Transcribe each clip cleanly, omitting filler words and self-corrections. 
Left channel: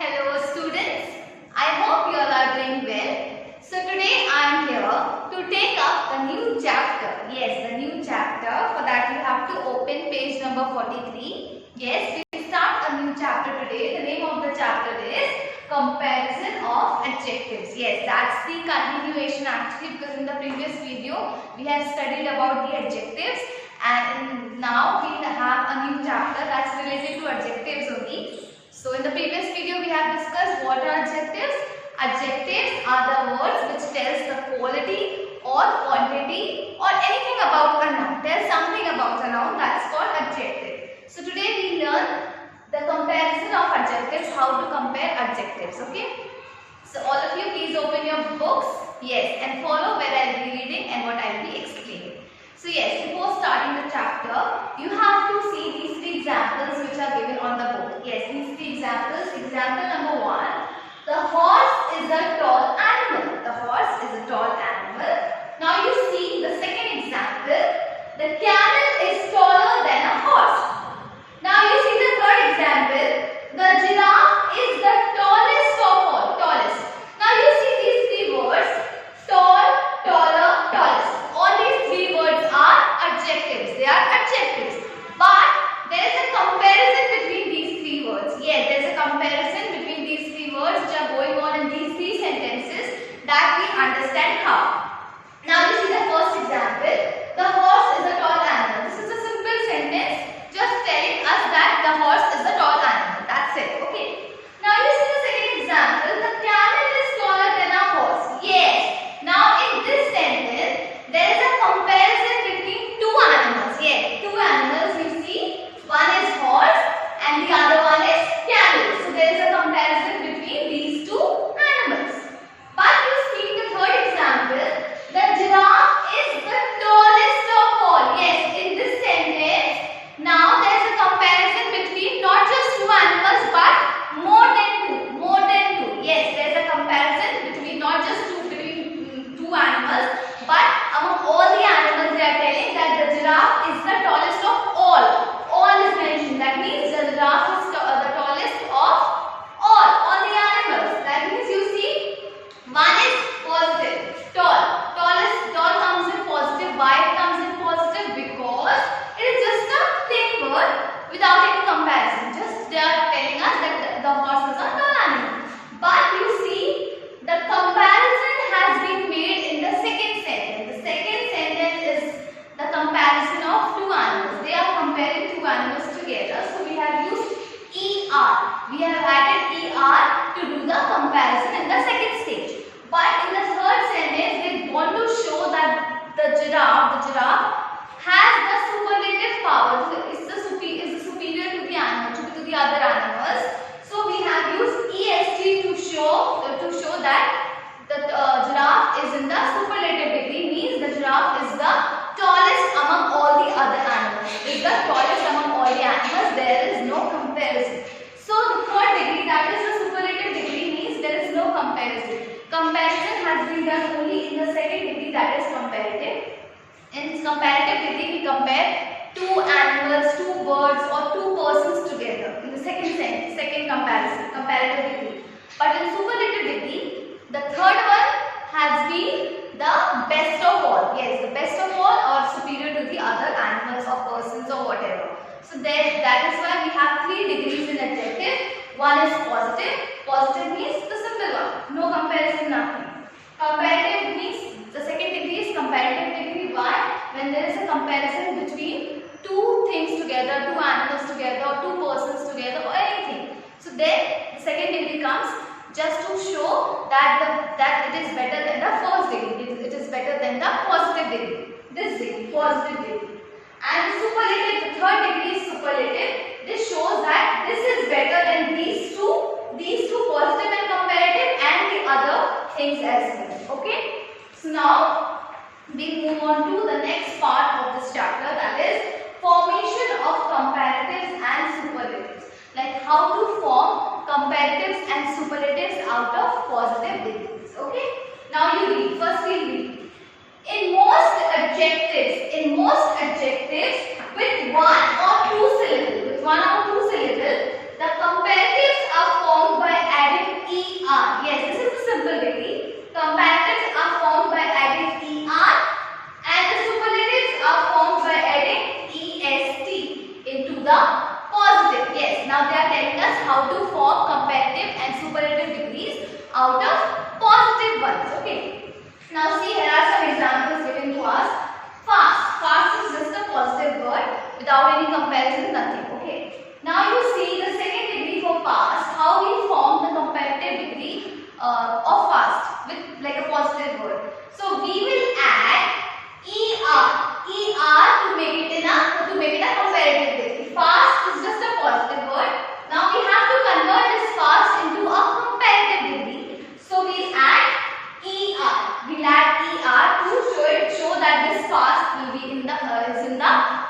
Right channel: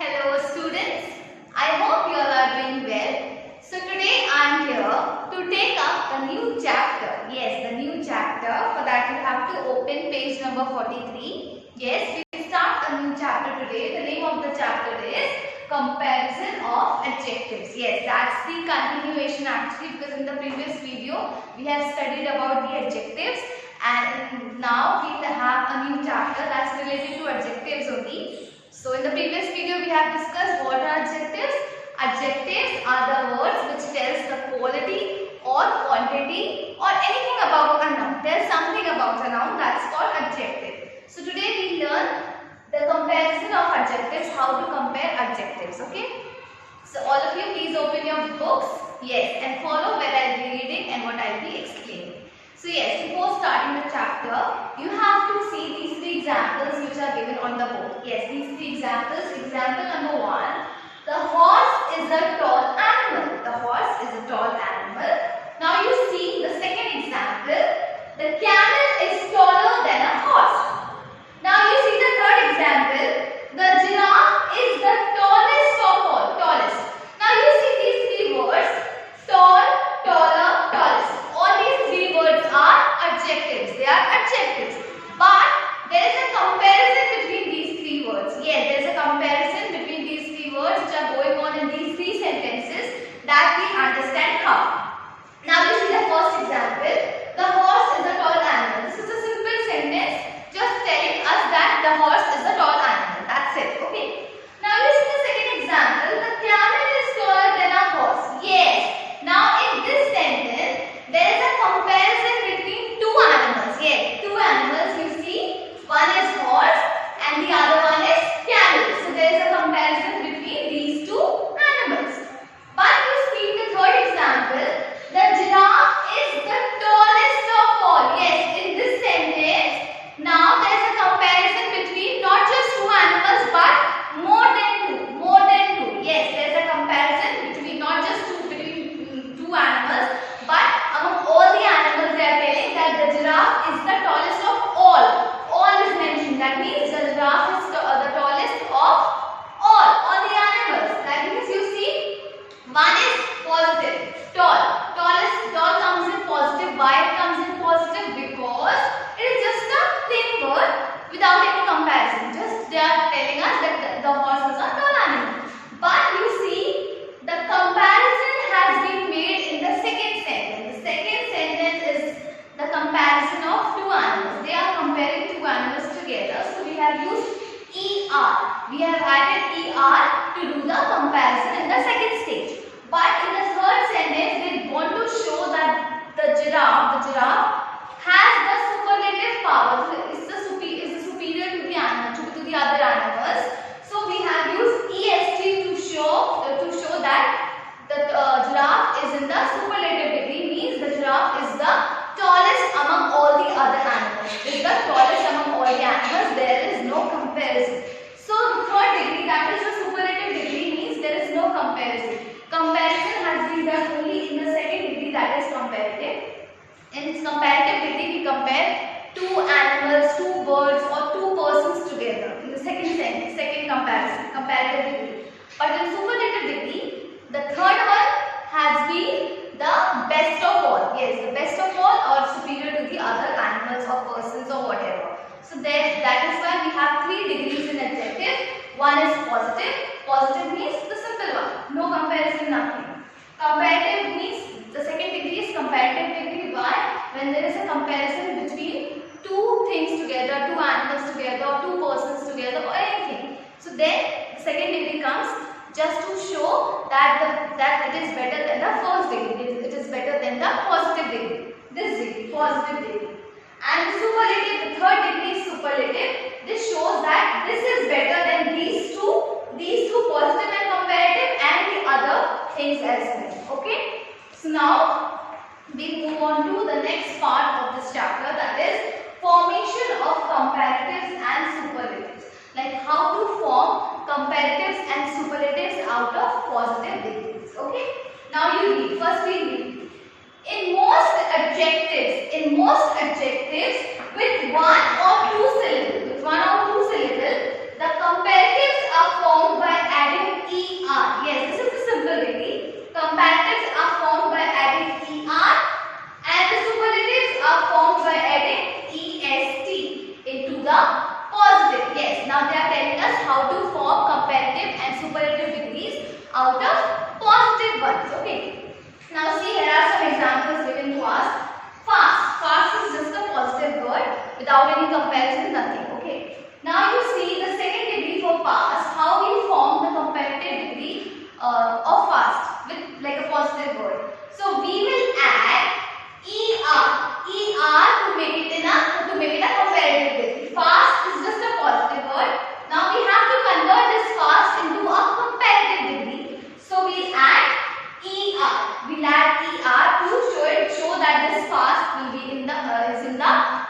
Hello students, I hope you all are doing well. So today I am here to take up a new chapter. Yes, the new chapter. For that you have to open page number 43. Yes, we start a new chapter today. The name of the chapter is Comparison of Adjectives. Yes, that's the continuation actually, because in the previous video we have studied about the adjectives and now we have a new chapter that's related to adjectives only. So in the previous video we have discussed what are adjectives. Adjectives are the words which tells the quality or quantity or anything about a noun. There is something about a noun that is called adjective. So today we learn the comparison of adjectives, how to compare adjectives. Okay. So all of you please open your books. Yes, and follow where I will be reading and what I will be explaining. So yes, before starting the chapter, you have to see these three examples which are given on the board. Yes, these three examples. Example number 1, the horse is a tall animal. The horse is a tall animal. Now you see the second example, the camel is taller than a horse. Now you see the third example, the giraffe is the tallest of all. Tallest. Now you see these three words, tall, taller, tallest. All these three words are adjectives. They are adjectives. But there is a comparison between these three words. Yes, there is a comparison between these three words which are going on in these three sentences that we understand how. Now you see the first example. The horse is a tall animal. This is a simple sentence just telling us that the horse is a tall animal. That's it. Okay. Now you see the second example. The camel is taller than a horse. Yes. Now in this sentence, there is a comparison between two animals. Yes, two animals you see. One is horse and the other one is camel. So there is a comparison between these two animals. But you see the third example, the giraffe is the tallest of all. Yes, in this sentence, now there is a comparison between not just two animals but more than two. More than two. Yes, there is a comparison between not just between two animals, but among all the animals they are telling that the giraffe is the tallest of all. All is mentioned. That means the giraffe is the tallest of all the animals. That means you see, one is positive, tall. Tall comes in positive. Why it comes in positive? Because it is just a plain word without any comparison. Just they are telling us that the horse is a tall animal. But you see, the comparison has been made in the second sentence. The second sentence is the comparison of two animals. They are comparing two animals together. So we have used ER. We have added ER to do the comparison in the second stage. But in the third sentence, they want to show that the giraffe has the superlative power. Is the superior to the animal, to the other animals. So we have used EST to show that the giraffe is in the superlative degree, means the giraffe is the tallest among all the other animals. Is the tallest among all the animals. There is no comparison. So the third degree, that is the superlative degree, means there is no comparison. Comparison has been done only in the second degree, that is comparative. In comparative degree, we compare two animals, two birds, or two persons together in the second comparison, comparative degree. But in superlative degree, the third one has been the best of all. Yes, the best of all or superior to the other animals or persons or whatever. So that is why we have three degrees in adjective. One is positive. Positive means the simple one. No comparison, nothing. Comparative means the second degree is comparative degree. Why? When there is a comparison between two things together, two animals together, or two persons together, or anything. So then the second degree comes just to show that it is better than the first degree. It is better than the positive degree. This degree, positive degree. And superlative, the third degree is superlative. This shows that this is better than these two positive and comparative and the other things as well. Okay. So now we move on to the next part of this chapter, that is formation of comparatives and superlatives. Like how to form comparatives and superlatives out of positive degrees. Okay. Now you read. First we read. In most adjectives with one or two syllables, the comparatives are formed by how to form comparative and superlative degrees out of positive ones. Okay. Now see, here are some examples given to us. Fast. Fast is just a positive word without any comparison, nothing. Okay. Now you see the second degree for fast, how we form the comparative degree of fast with like a positive word. So we will add er to make it a comparative degree. Fast is just a positive word. Now we have to convert this fast into a comparative degree. So we'll add er. We'll add er to show that this fast will be in the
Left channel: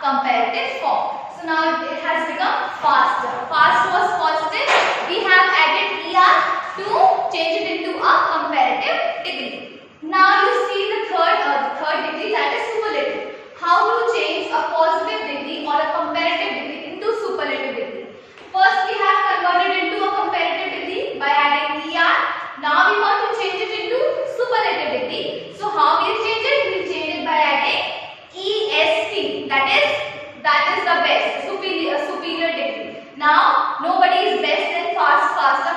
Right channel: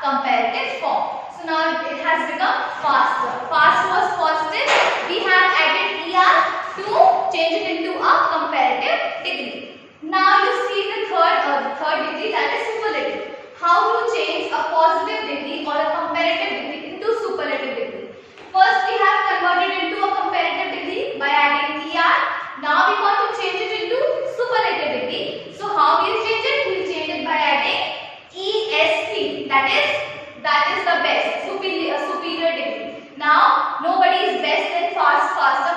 comparative form. So now it has become faster. Fast was positive. We have added er to change it into a comparative degree. Now you see the third degree, that is superlative. How to change a positive degree or a comparative degree into superlative degree. First we have converted into a comparative degree by adding er. Now we want to change it into superlative degree. So how we change it? We change it by adding est. That is the best, superior degree. Now nobody is best than faster.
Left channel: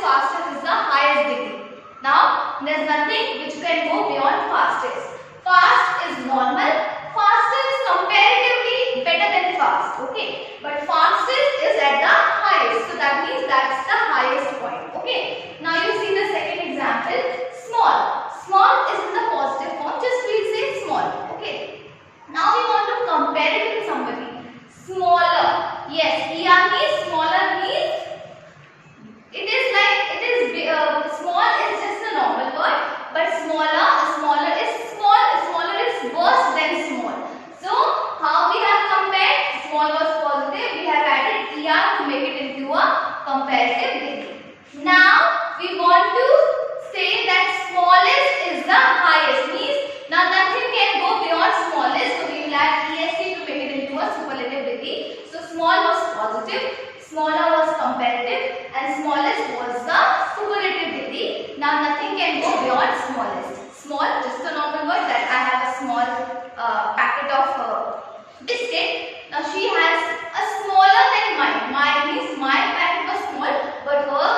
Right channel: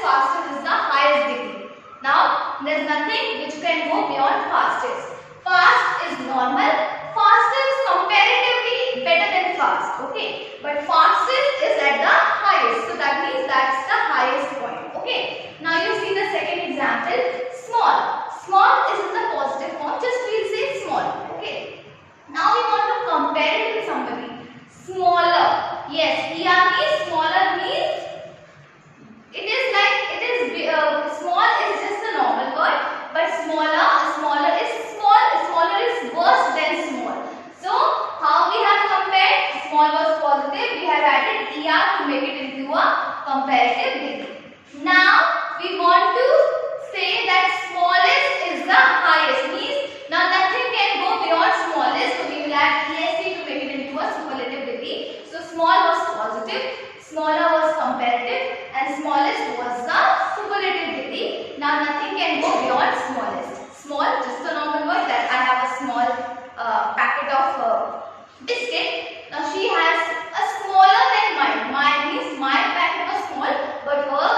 Fastest is the highest degree. Now there is nothing which can go beyond fastest. Fast is normal. Faster is comparatively better than fast. Okay, but fastest is at the highest. So that means that's the highest point. Okay. Now you see the second example. Small. Small is in the positive form. Just we'll say small. Okay. Now we want to compare it with somebody. Smaller. Yes, er means smaller means small is just a normal word, but smaller is worse than small. So how we have compared? Small was positive. We have added er to make it into a comparative degree. Now we want to say that smallest is the highest. Means now nothing can go beyond smallest. So we will add est to make it into a superlative degree. So small was positive, smaller was comparative, and smallest was the superlative degree. Now nothing can go beyond smallest. Small, just a normal word, that I have a small packet of biscuit. Now she has a smaller than mine. Mine means my packet was small, but her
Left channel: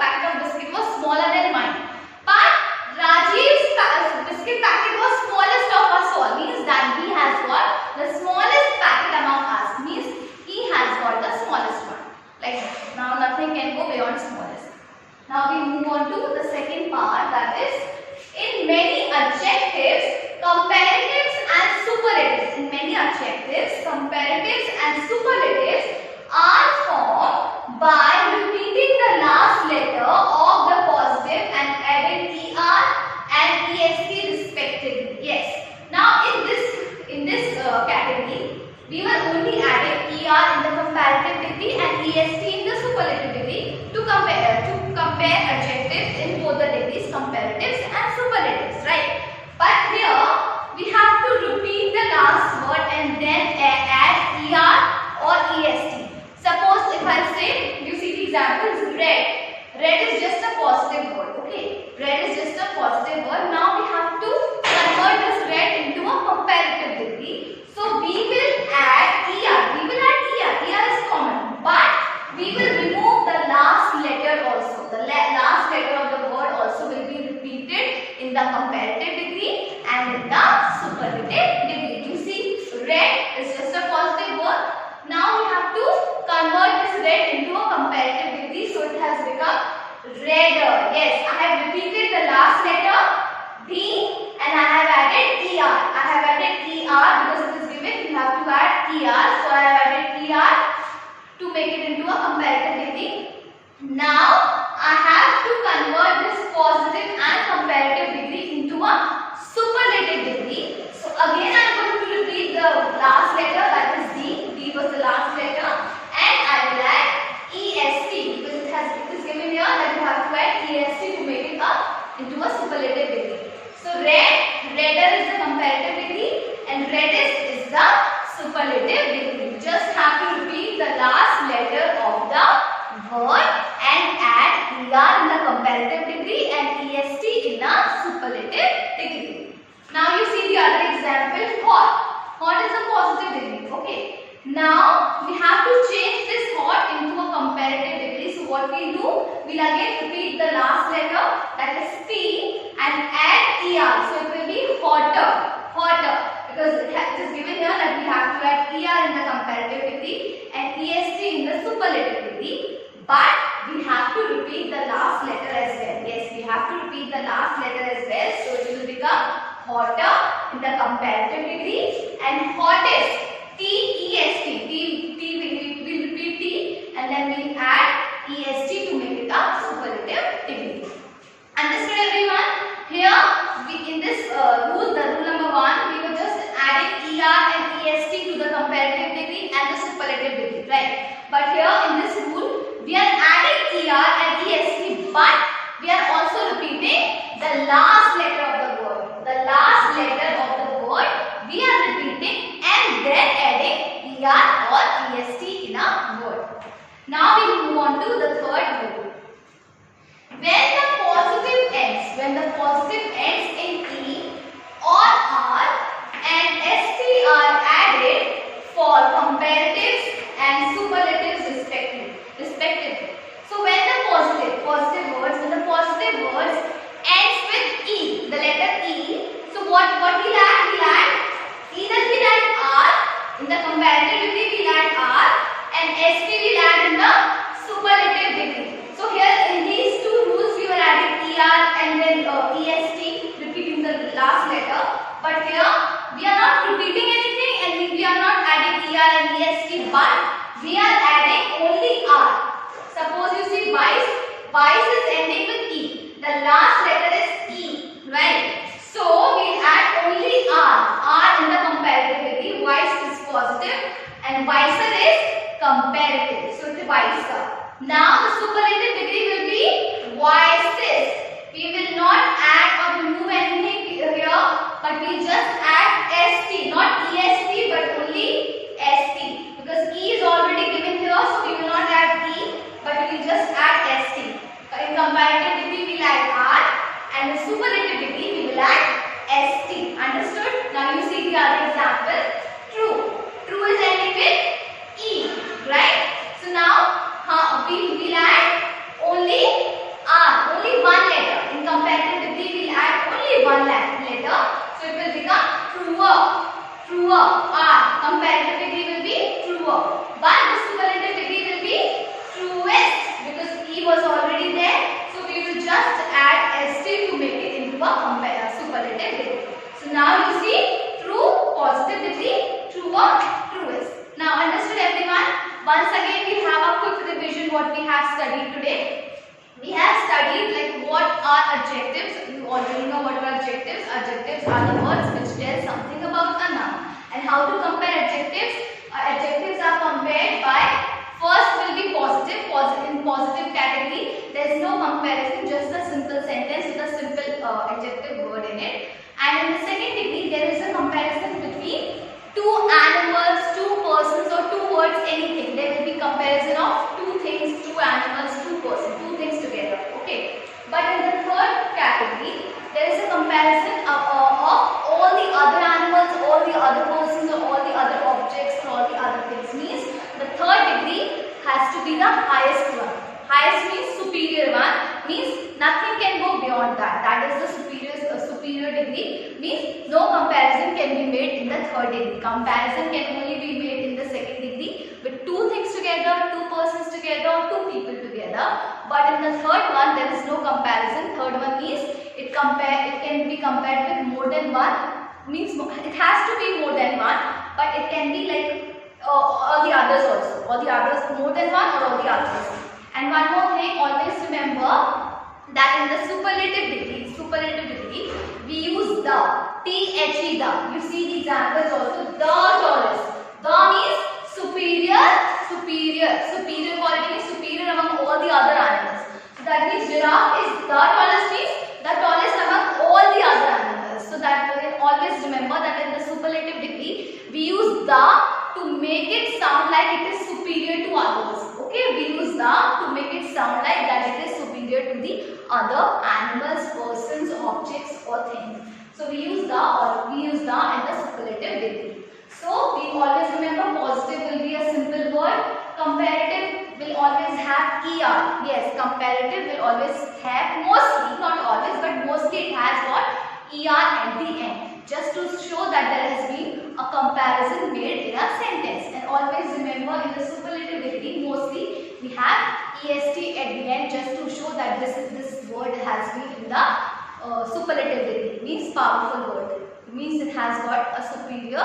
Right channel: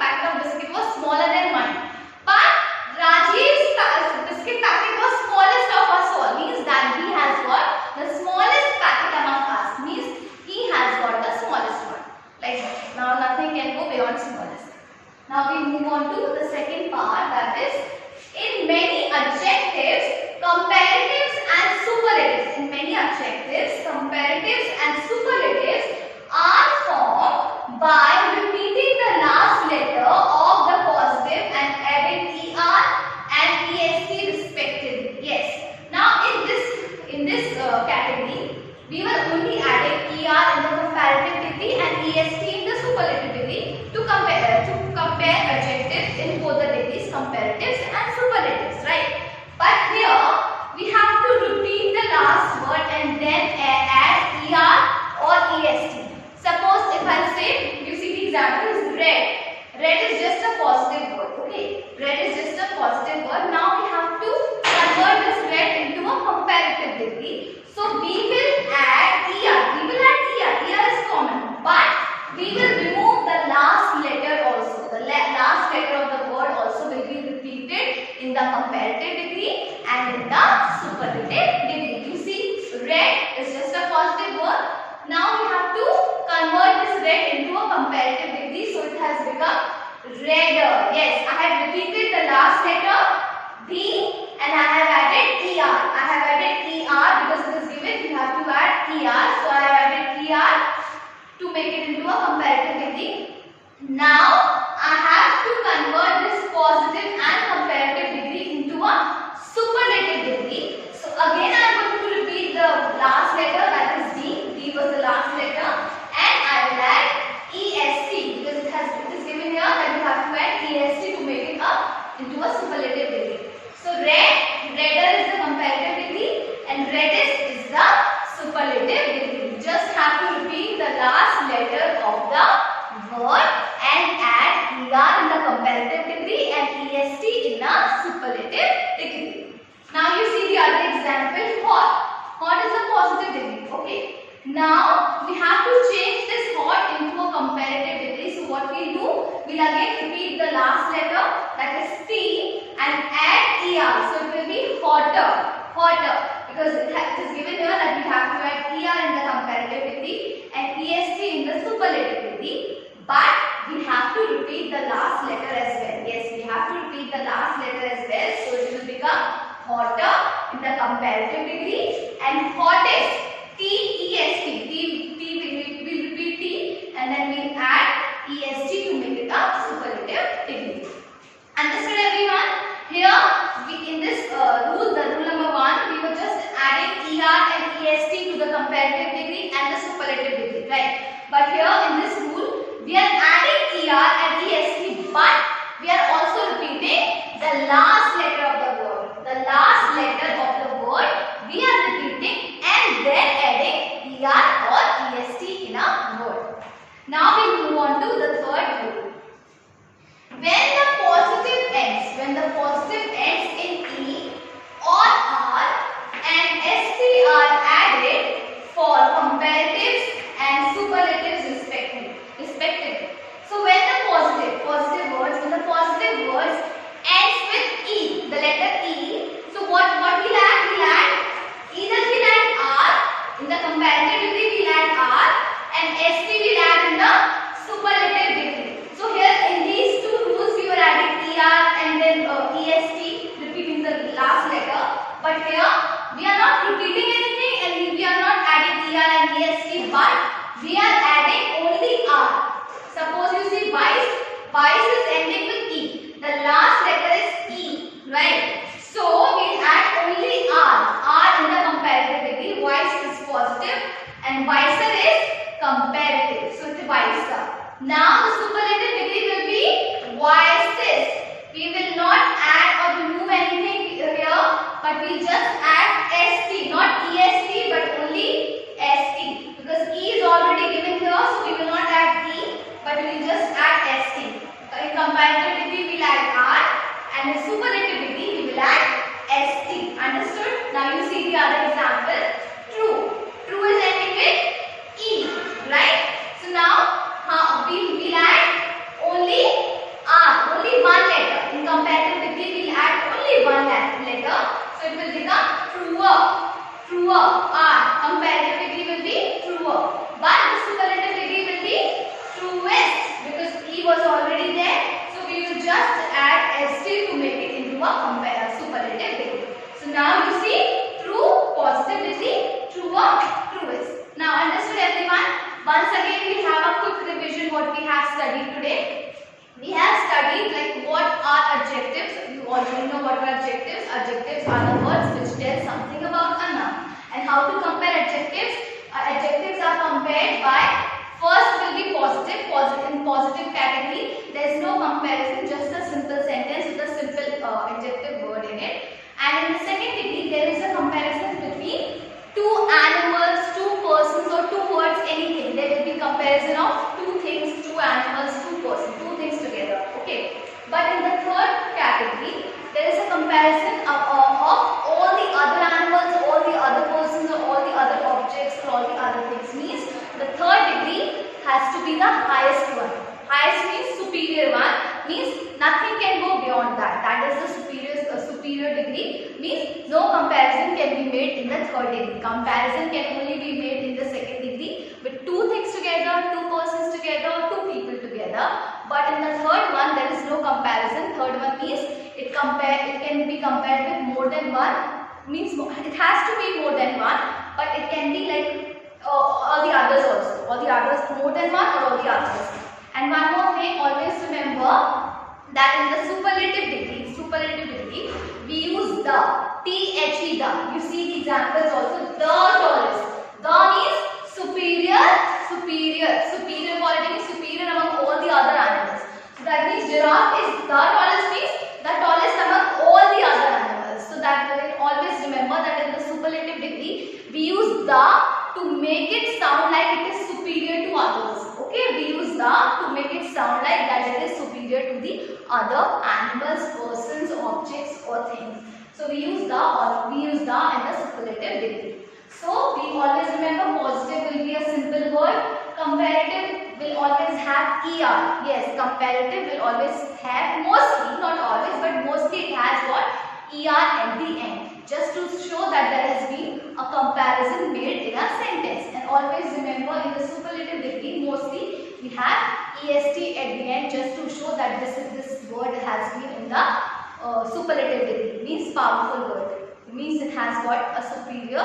packet of biscuit was smaller than mine. But Rajiv's biscuit packet was smallest of us all. Means that he has got the smallest packet among us. Means he has got the smallest one. Like that. Now nothing can go beyond smallest. Now we move on to the second part, that is in many adjectives, comparatives and superlatives. In many adjectives, comparatives and superlatives are formed by repeating the last letter of the positive and adding er and est respectively. Yes. Now in this category, we were only adding er in the comparative degree and est in the superlative degree to compare adjectives in both the degrees, comparatives and superlatives, right? But here we have to repeat the last word and then add er or est. Suppose if I say, you see the example is red. Red is just a positive word. Okay, red is just a positive word. Now we have to convert this red into a comparative degree. So we will add er. Er is common, but we will remove the last letter also. The last letter of the word also will be repeated in the comparative degree and in the superlative degree. You see, red is just a positive word. Now we have to convert this red into a comparative degree. So it has become redder. Yes, I have repeated the last letter D and I have added er. I have added er because it is given. You have to add er. So I have added er to make it into a comparative degree. Now I have to convert this positive and comparative degree into a superlative degree. So again I am going to repeat the last letter, that is D. D was the last letter, and I will add est because it is given here that you have to add est to make it up into a superlative degree. So redder is the comparative degree and reddest is the superlative degree. Just have to repeat the last letter of the word and add er in the comparative degree and est in the superlative degree. Now you see the other example, hot. Hot is a positive degree. Okay. Now we have to change this hot into a comparative So what we do, we'll again repeat the last letter, that is P, and add ER. So it will be hotter, because it is given here that we have to add ER in the comparative degree and EST in the superlative degree. But we have to repeat the last letter as well. Yes, we have to repeat the last letter as well. So it will become hotter in the comparative degree and hottest, T-E-S-T. T will repeat T and then we add EST to make it a superlative degree. Understood everyone? Here in this rule, the rule number 1, we were just adding ER and EST to the comparative degree and the superlative degree, right? But here in this rule, we are adding ER and EST, but we are also repeating the last letter of the word. The last letter of the word we are repeating and then adding ER or EST in a word. Now we move on to the third rule. When the positive ends in E or R and ST are added for comparatives and superlatives respectively. So when the positive words ends with E, the letter E. So what we'll add? Either we'll add R in the comparative degree, we'll add R, and ST we'll add in the superlative degree. So here in these two rules we were adding ER and then EST, repeating the last letter. But here we are not repeating anything and we are not adding ER and EST, but we are adding only R. Suppose you see vice is ending with E. The last letter is E, right? So we add only R in the comparative degree. Vice is positive and visor is comparative. So it's visor. Now the superlative degree will be vices. We will not add or remove anything here, but we just add ST, not EST, but only ST. Because E is already given here, so we will not add E, but we will just add ST. In comparative degree, we will add R, and in superlative degree, we will add ST. Understood? Now you see the other example. True. True is ending with E, right? So now we will add only R, only one letter. In comparative degree, we will add only one letter. So it will become truer, R. Comparative degree will be truer. But the superlative degree will be truest because E was already there. So we will just add ST to make it into a superlative degree. So now you see true, positive degree, truer, truest. Now understood everyone? Once again we have a quick revision what we have studied today. We have studied like what are adjectives. You already know what are adjectives. Adjectives are the words which tell something about a noun. And how to compare adjectives? Adjectives are compared by, first will be positive. In positive category, there is no comparison, just a simple sentence with a simple adjective word in it. And in the second degree, there is a comparison between two animals, two persons or two words, anything. There will be comparison of two things, two animals, two persons, two things together. Okay. But in the third category, there is a comparison of all the other animals, all the other persons or all the other objects or all the other things. Means the third degree has to be the highest one. Highest means superior one, means nothing can go beyond that. That is the superior degree, means no comparison can be made in the third degree. Comparison can only be made in the second degree with two things together, two persons together or two people together. But in the third one there is no comparison. Third one means it can be compared with more than one, means it has to be more than one, but it can be like all the others also. All the others, more than one or all the others. And one more thing, always remember that in the superlative degree, we use the, T-H-E, the. You see the examples also, the tallest. The means superior quality is superior among all the other animals. So that means giraffe is the tallest, means the tallest among all the other animals. So that way always remember that in the superlative degree, we use the to make it sound like it is superior to others. Okay, we use the to make it sound like that it is superior to the other animals, persons, objects or things. So we use the in the superlative degree. So we always remember positive will be a simple word, comparative will always have ER. Yes, comparative will always have, mostly, not always, but mostly it has what? ER at the end. Just to show that there has been a comparison made in a sentence. And always remember, in the superlative degree, mostly we have EST at the end, just to show that this word has been in the superlative degree. Means powerful word. It means it has got a superior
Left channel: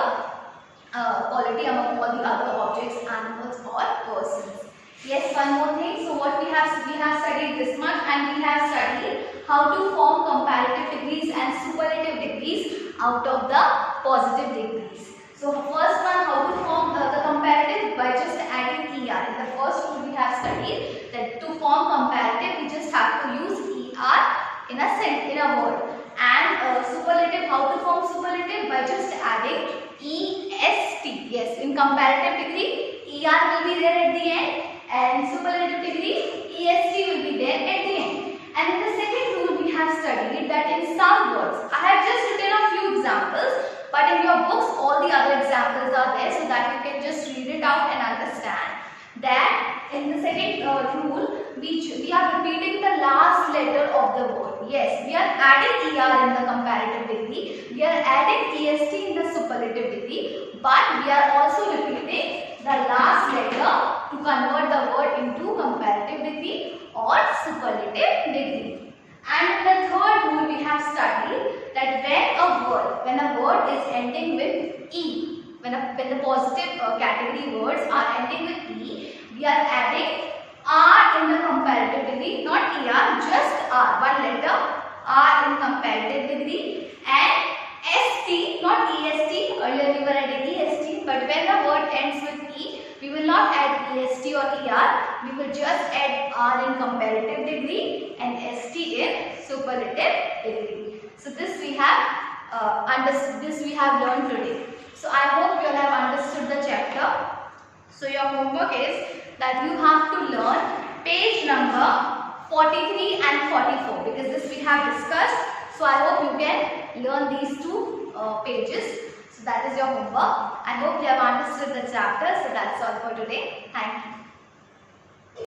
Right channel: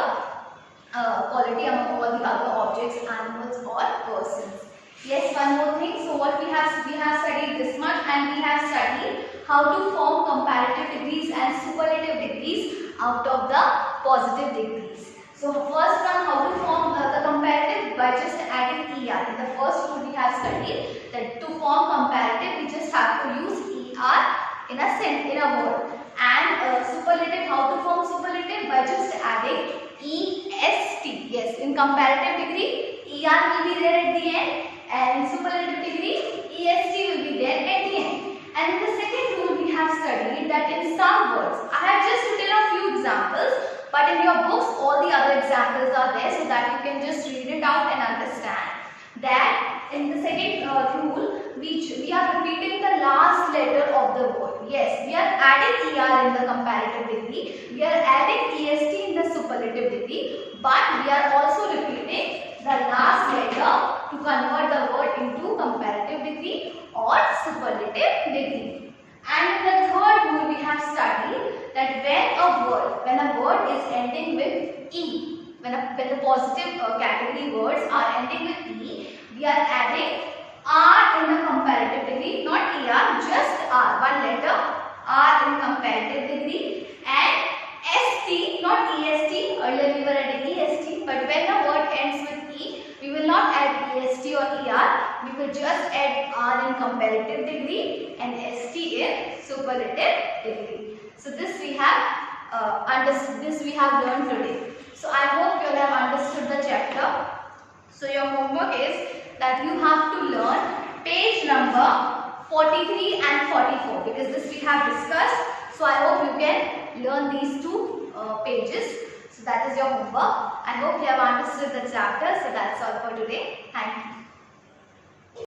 quality among all the other objects, animals or persons. Yes, one more thing. So what we have studied this much, and we have studied how to form comparative degrees and superlative degrees out of the positive degrees. So first one, how to form the comparative by just adding ER. In the first rule we have studied that to form comparative we just have to use ER in a word. And superlative, how to form superlative by just adding EST. Yes, in comparative degree ER will be there at the end, and superlative degree EST will be there at the end. And in the second rule we have studied that in some words, I have just written a few examples, but in your books all the other examples are there, so that you can just read it out and understand that in the second rule we are repeating the last letter of the word. Yes, we are adding ER in the comparative degree, we are adding EST in the superlative degree, but we are also repeating the last letter to convert the word into comparative degree or superlative degree. And in the third rule we have studied that when a word is ending with E, when the positive category words are ending with E, we are adding R in the comparative degree, not ER, just R, one letter, R in comparative degree, and ST, not EST. Earlier we were adding EST, but when the word ends with E, we will not add EST or ER, we will just add R in comparative degree and ST in superlative degree. So this we have learned today. So I hope you all have understood the chapter. So your homework is that you have to learn page number 43 and 44, because this we have discussed. So I hope you can learn these two pages. So that is your homework. I hope you have understood the chapter. So that's all for today. Thank you.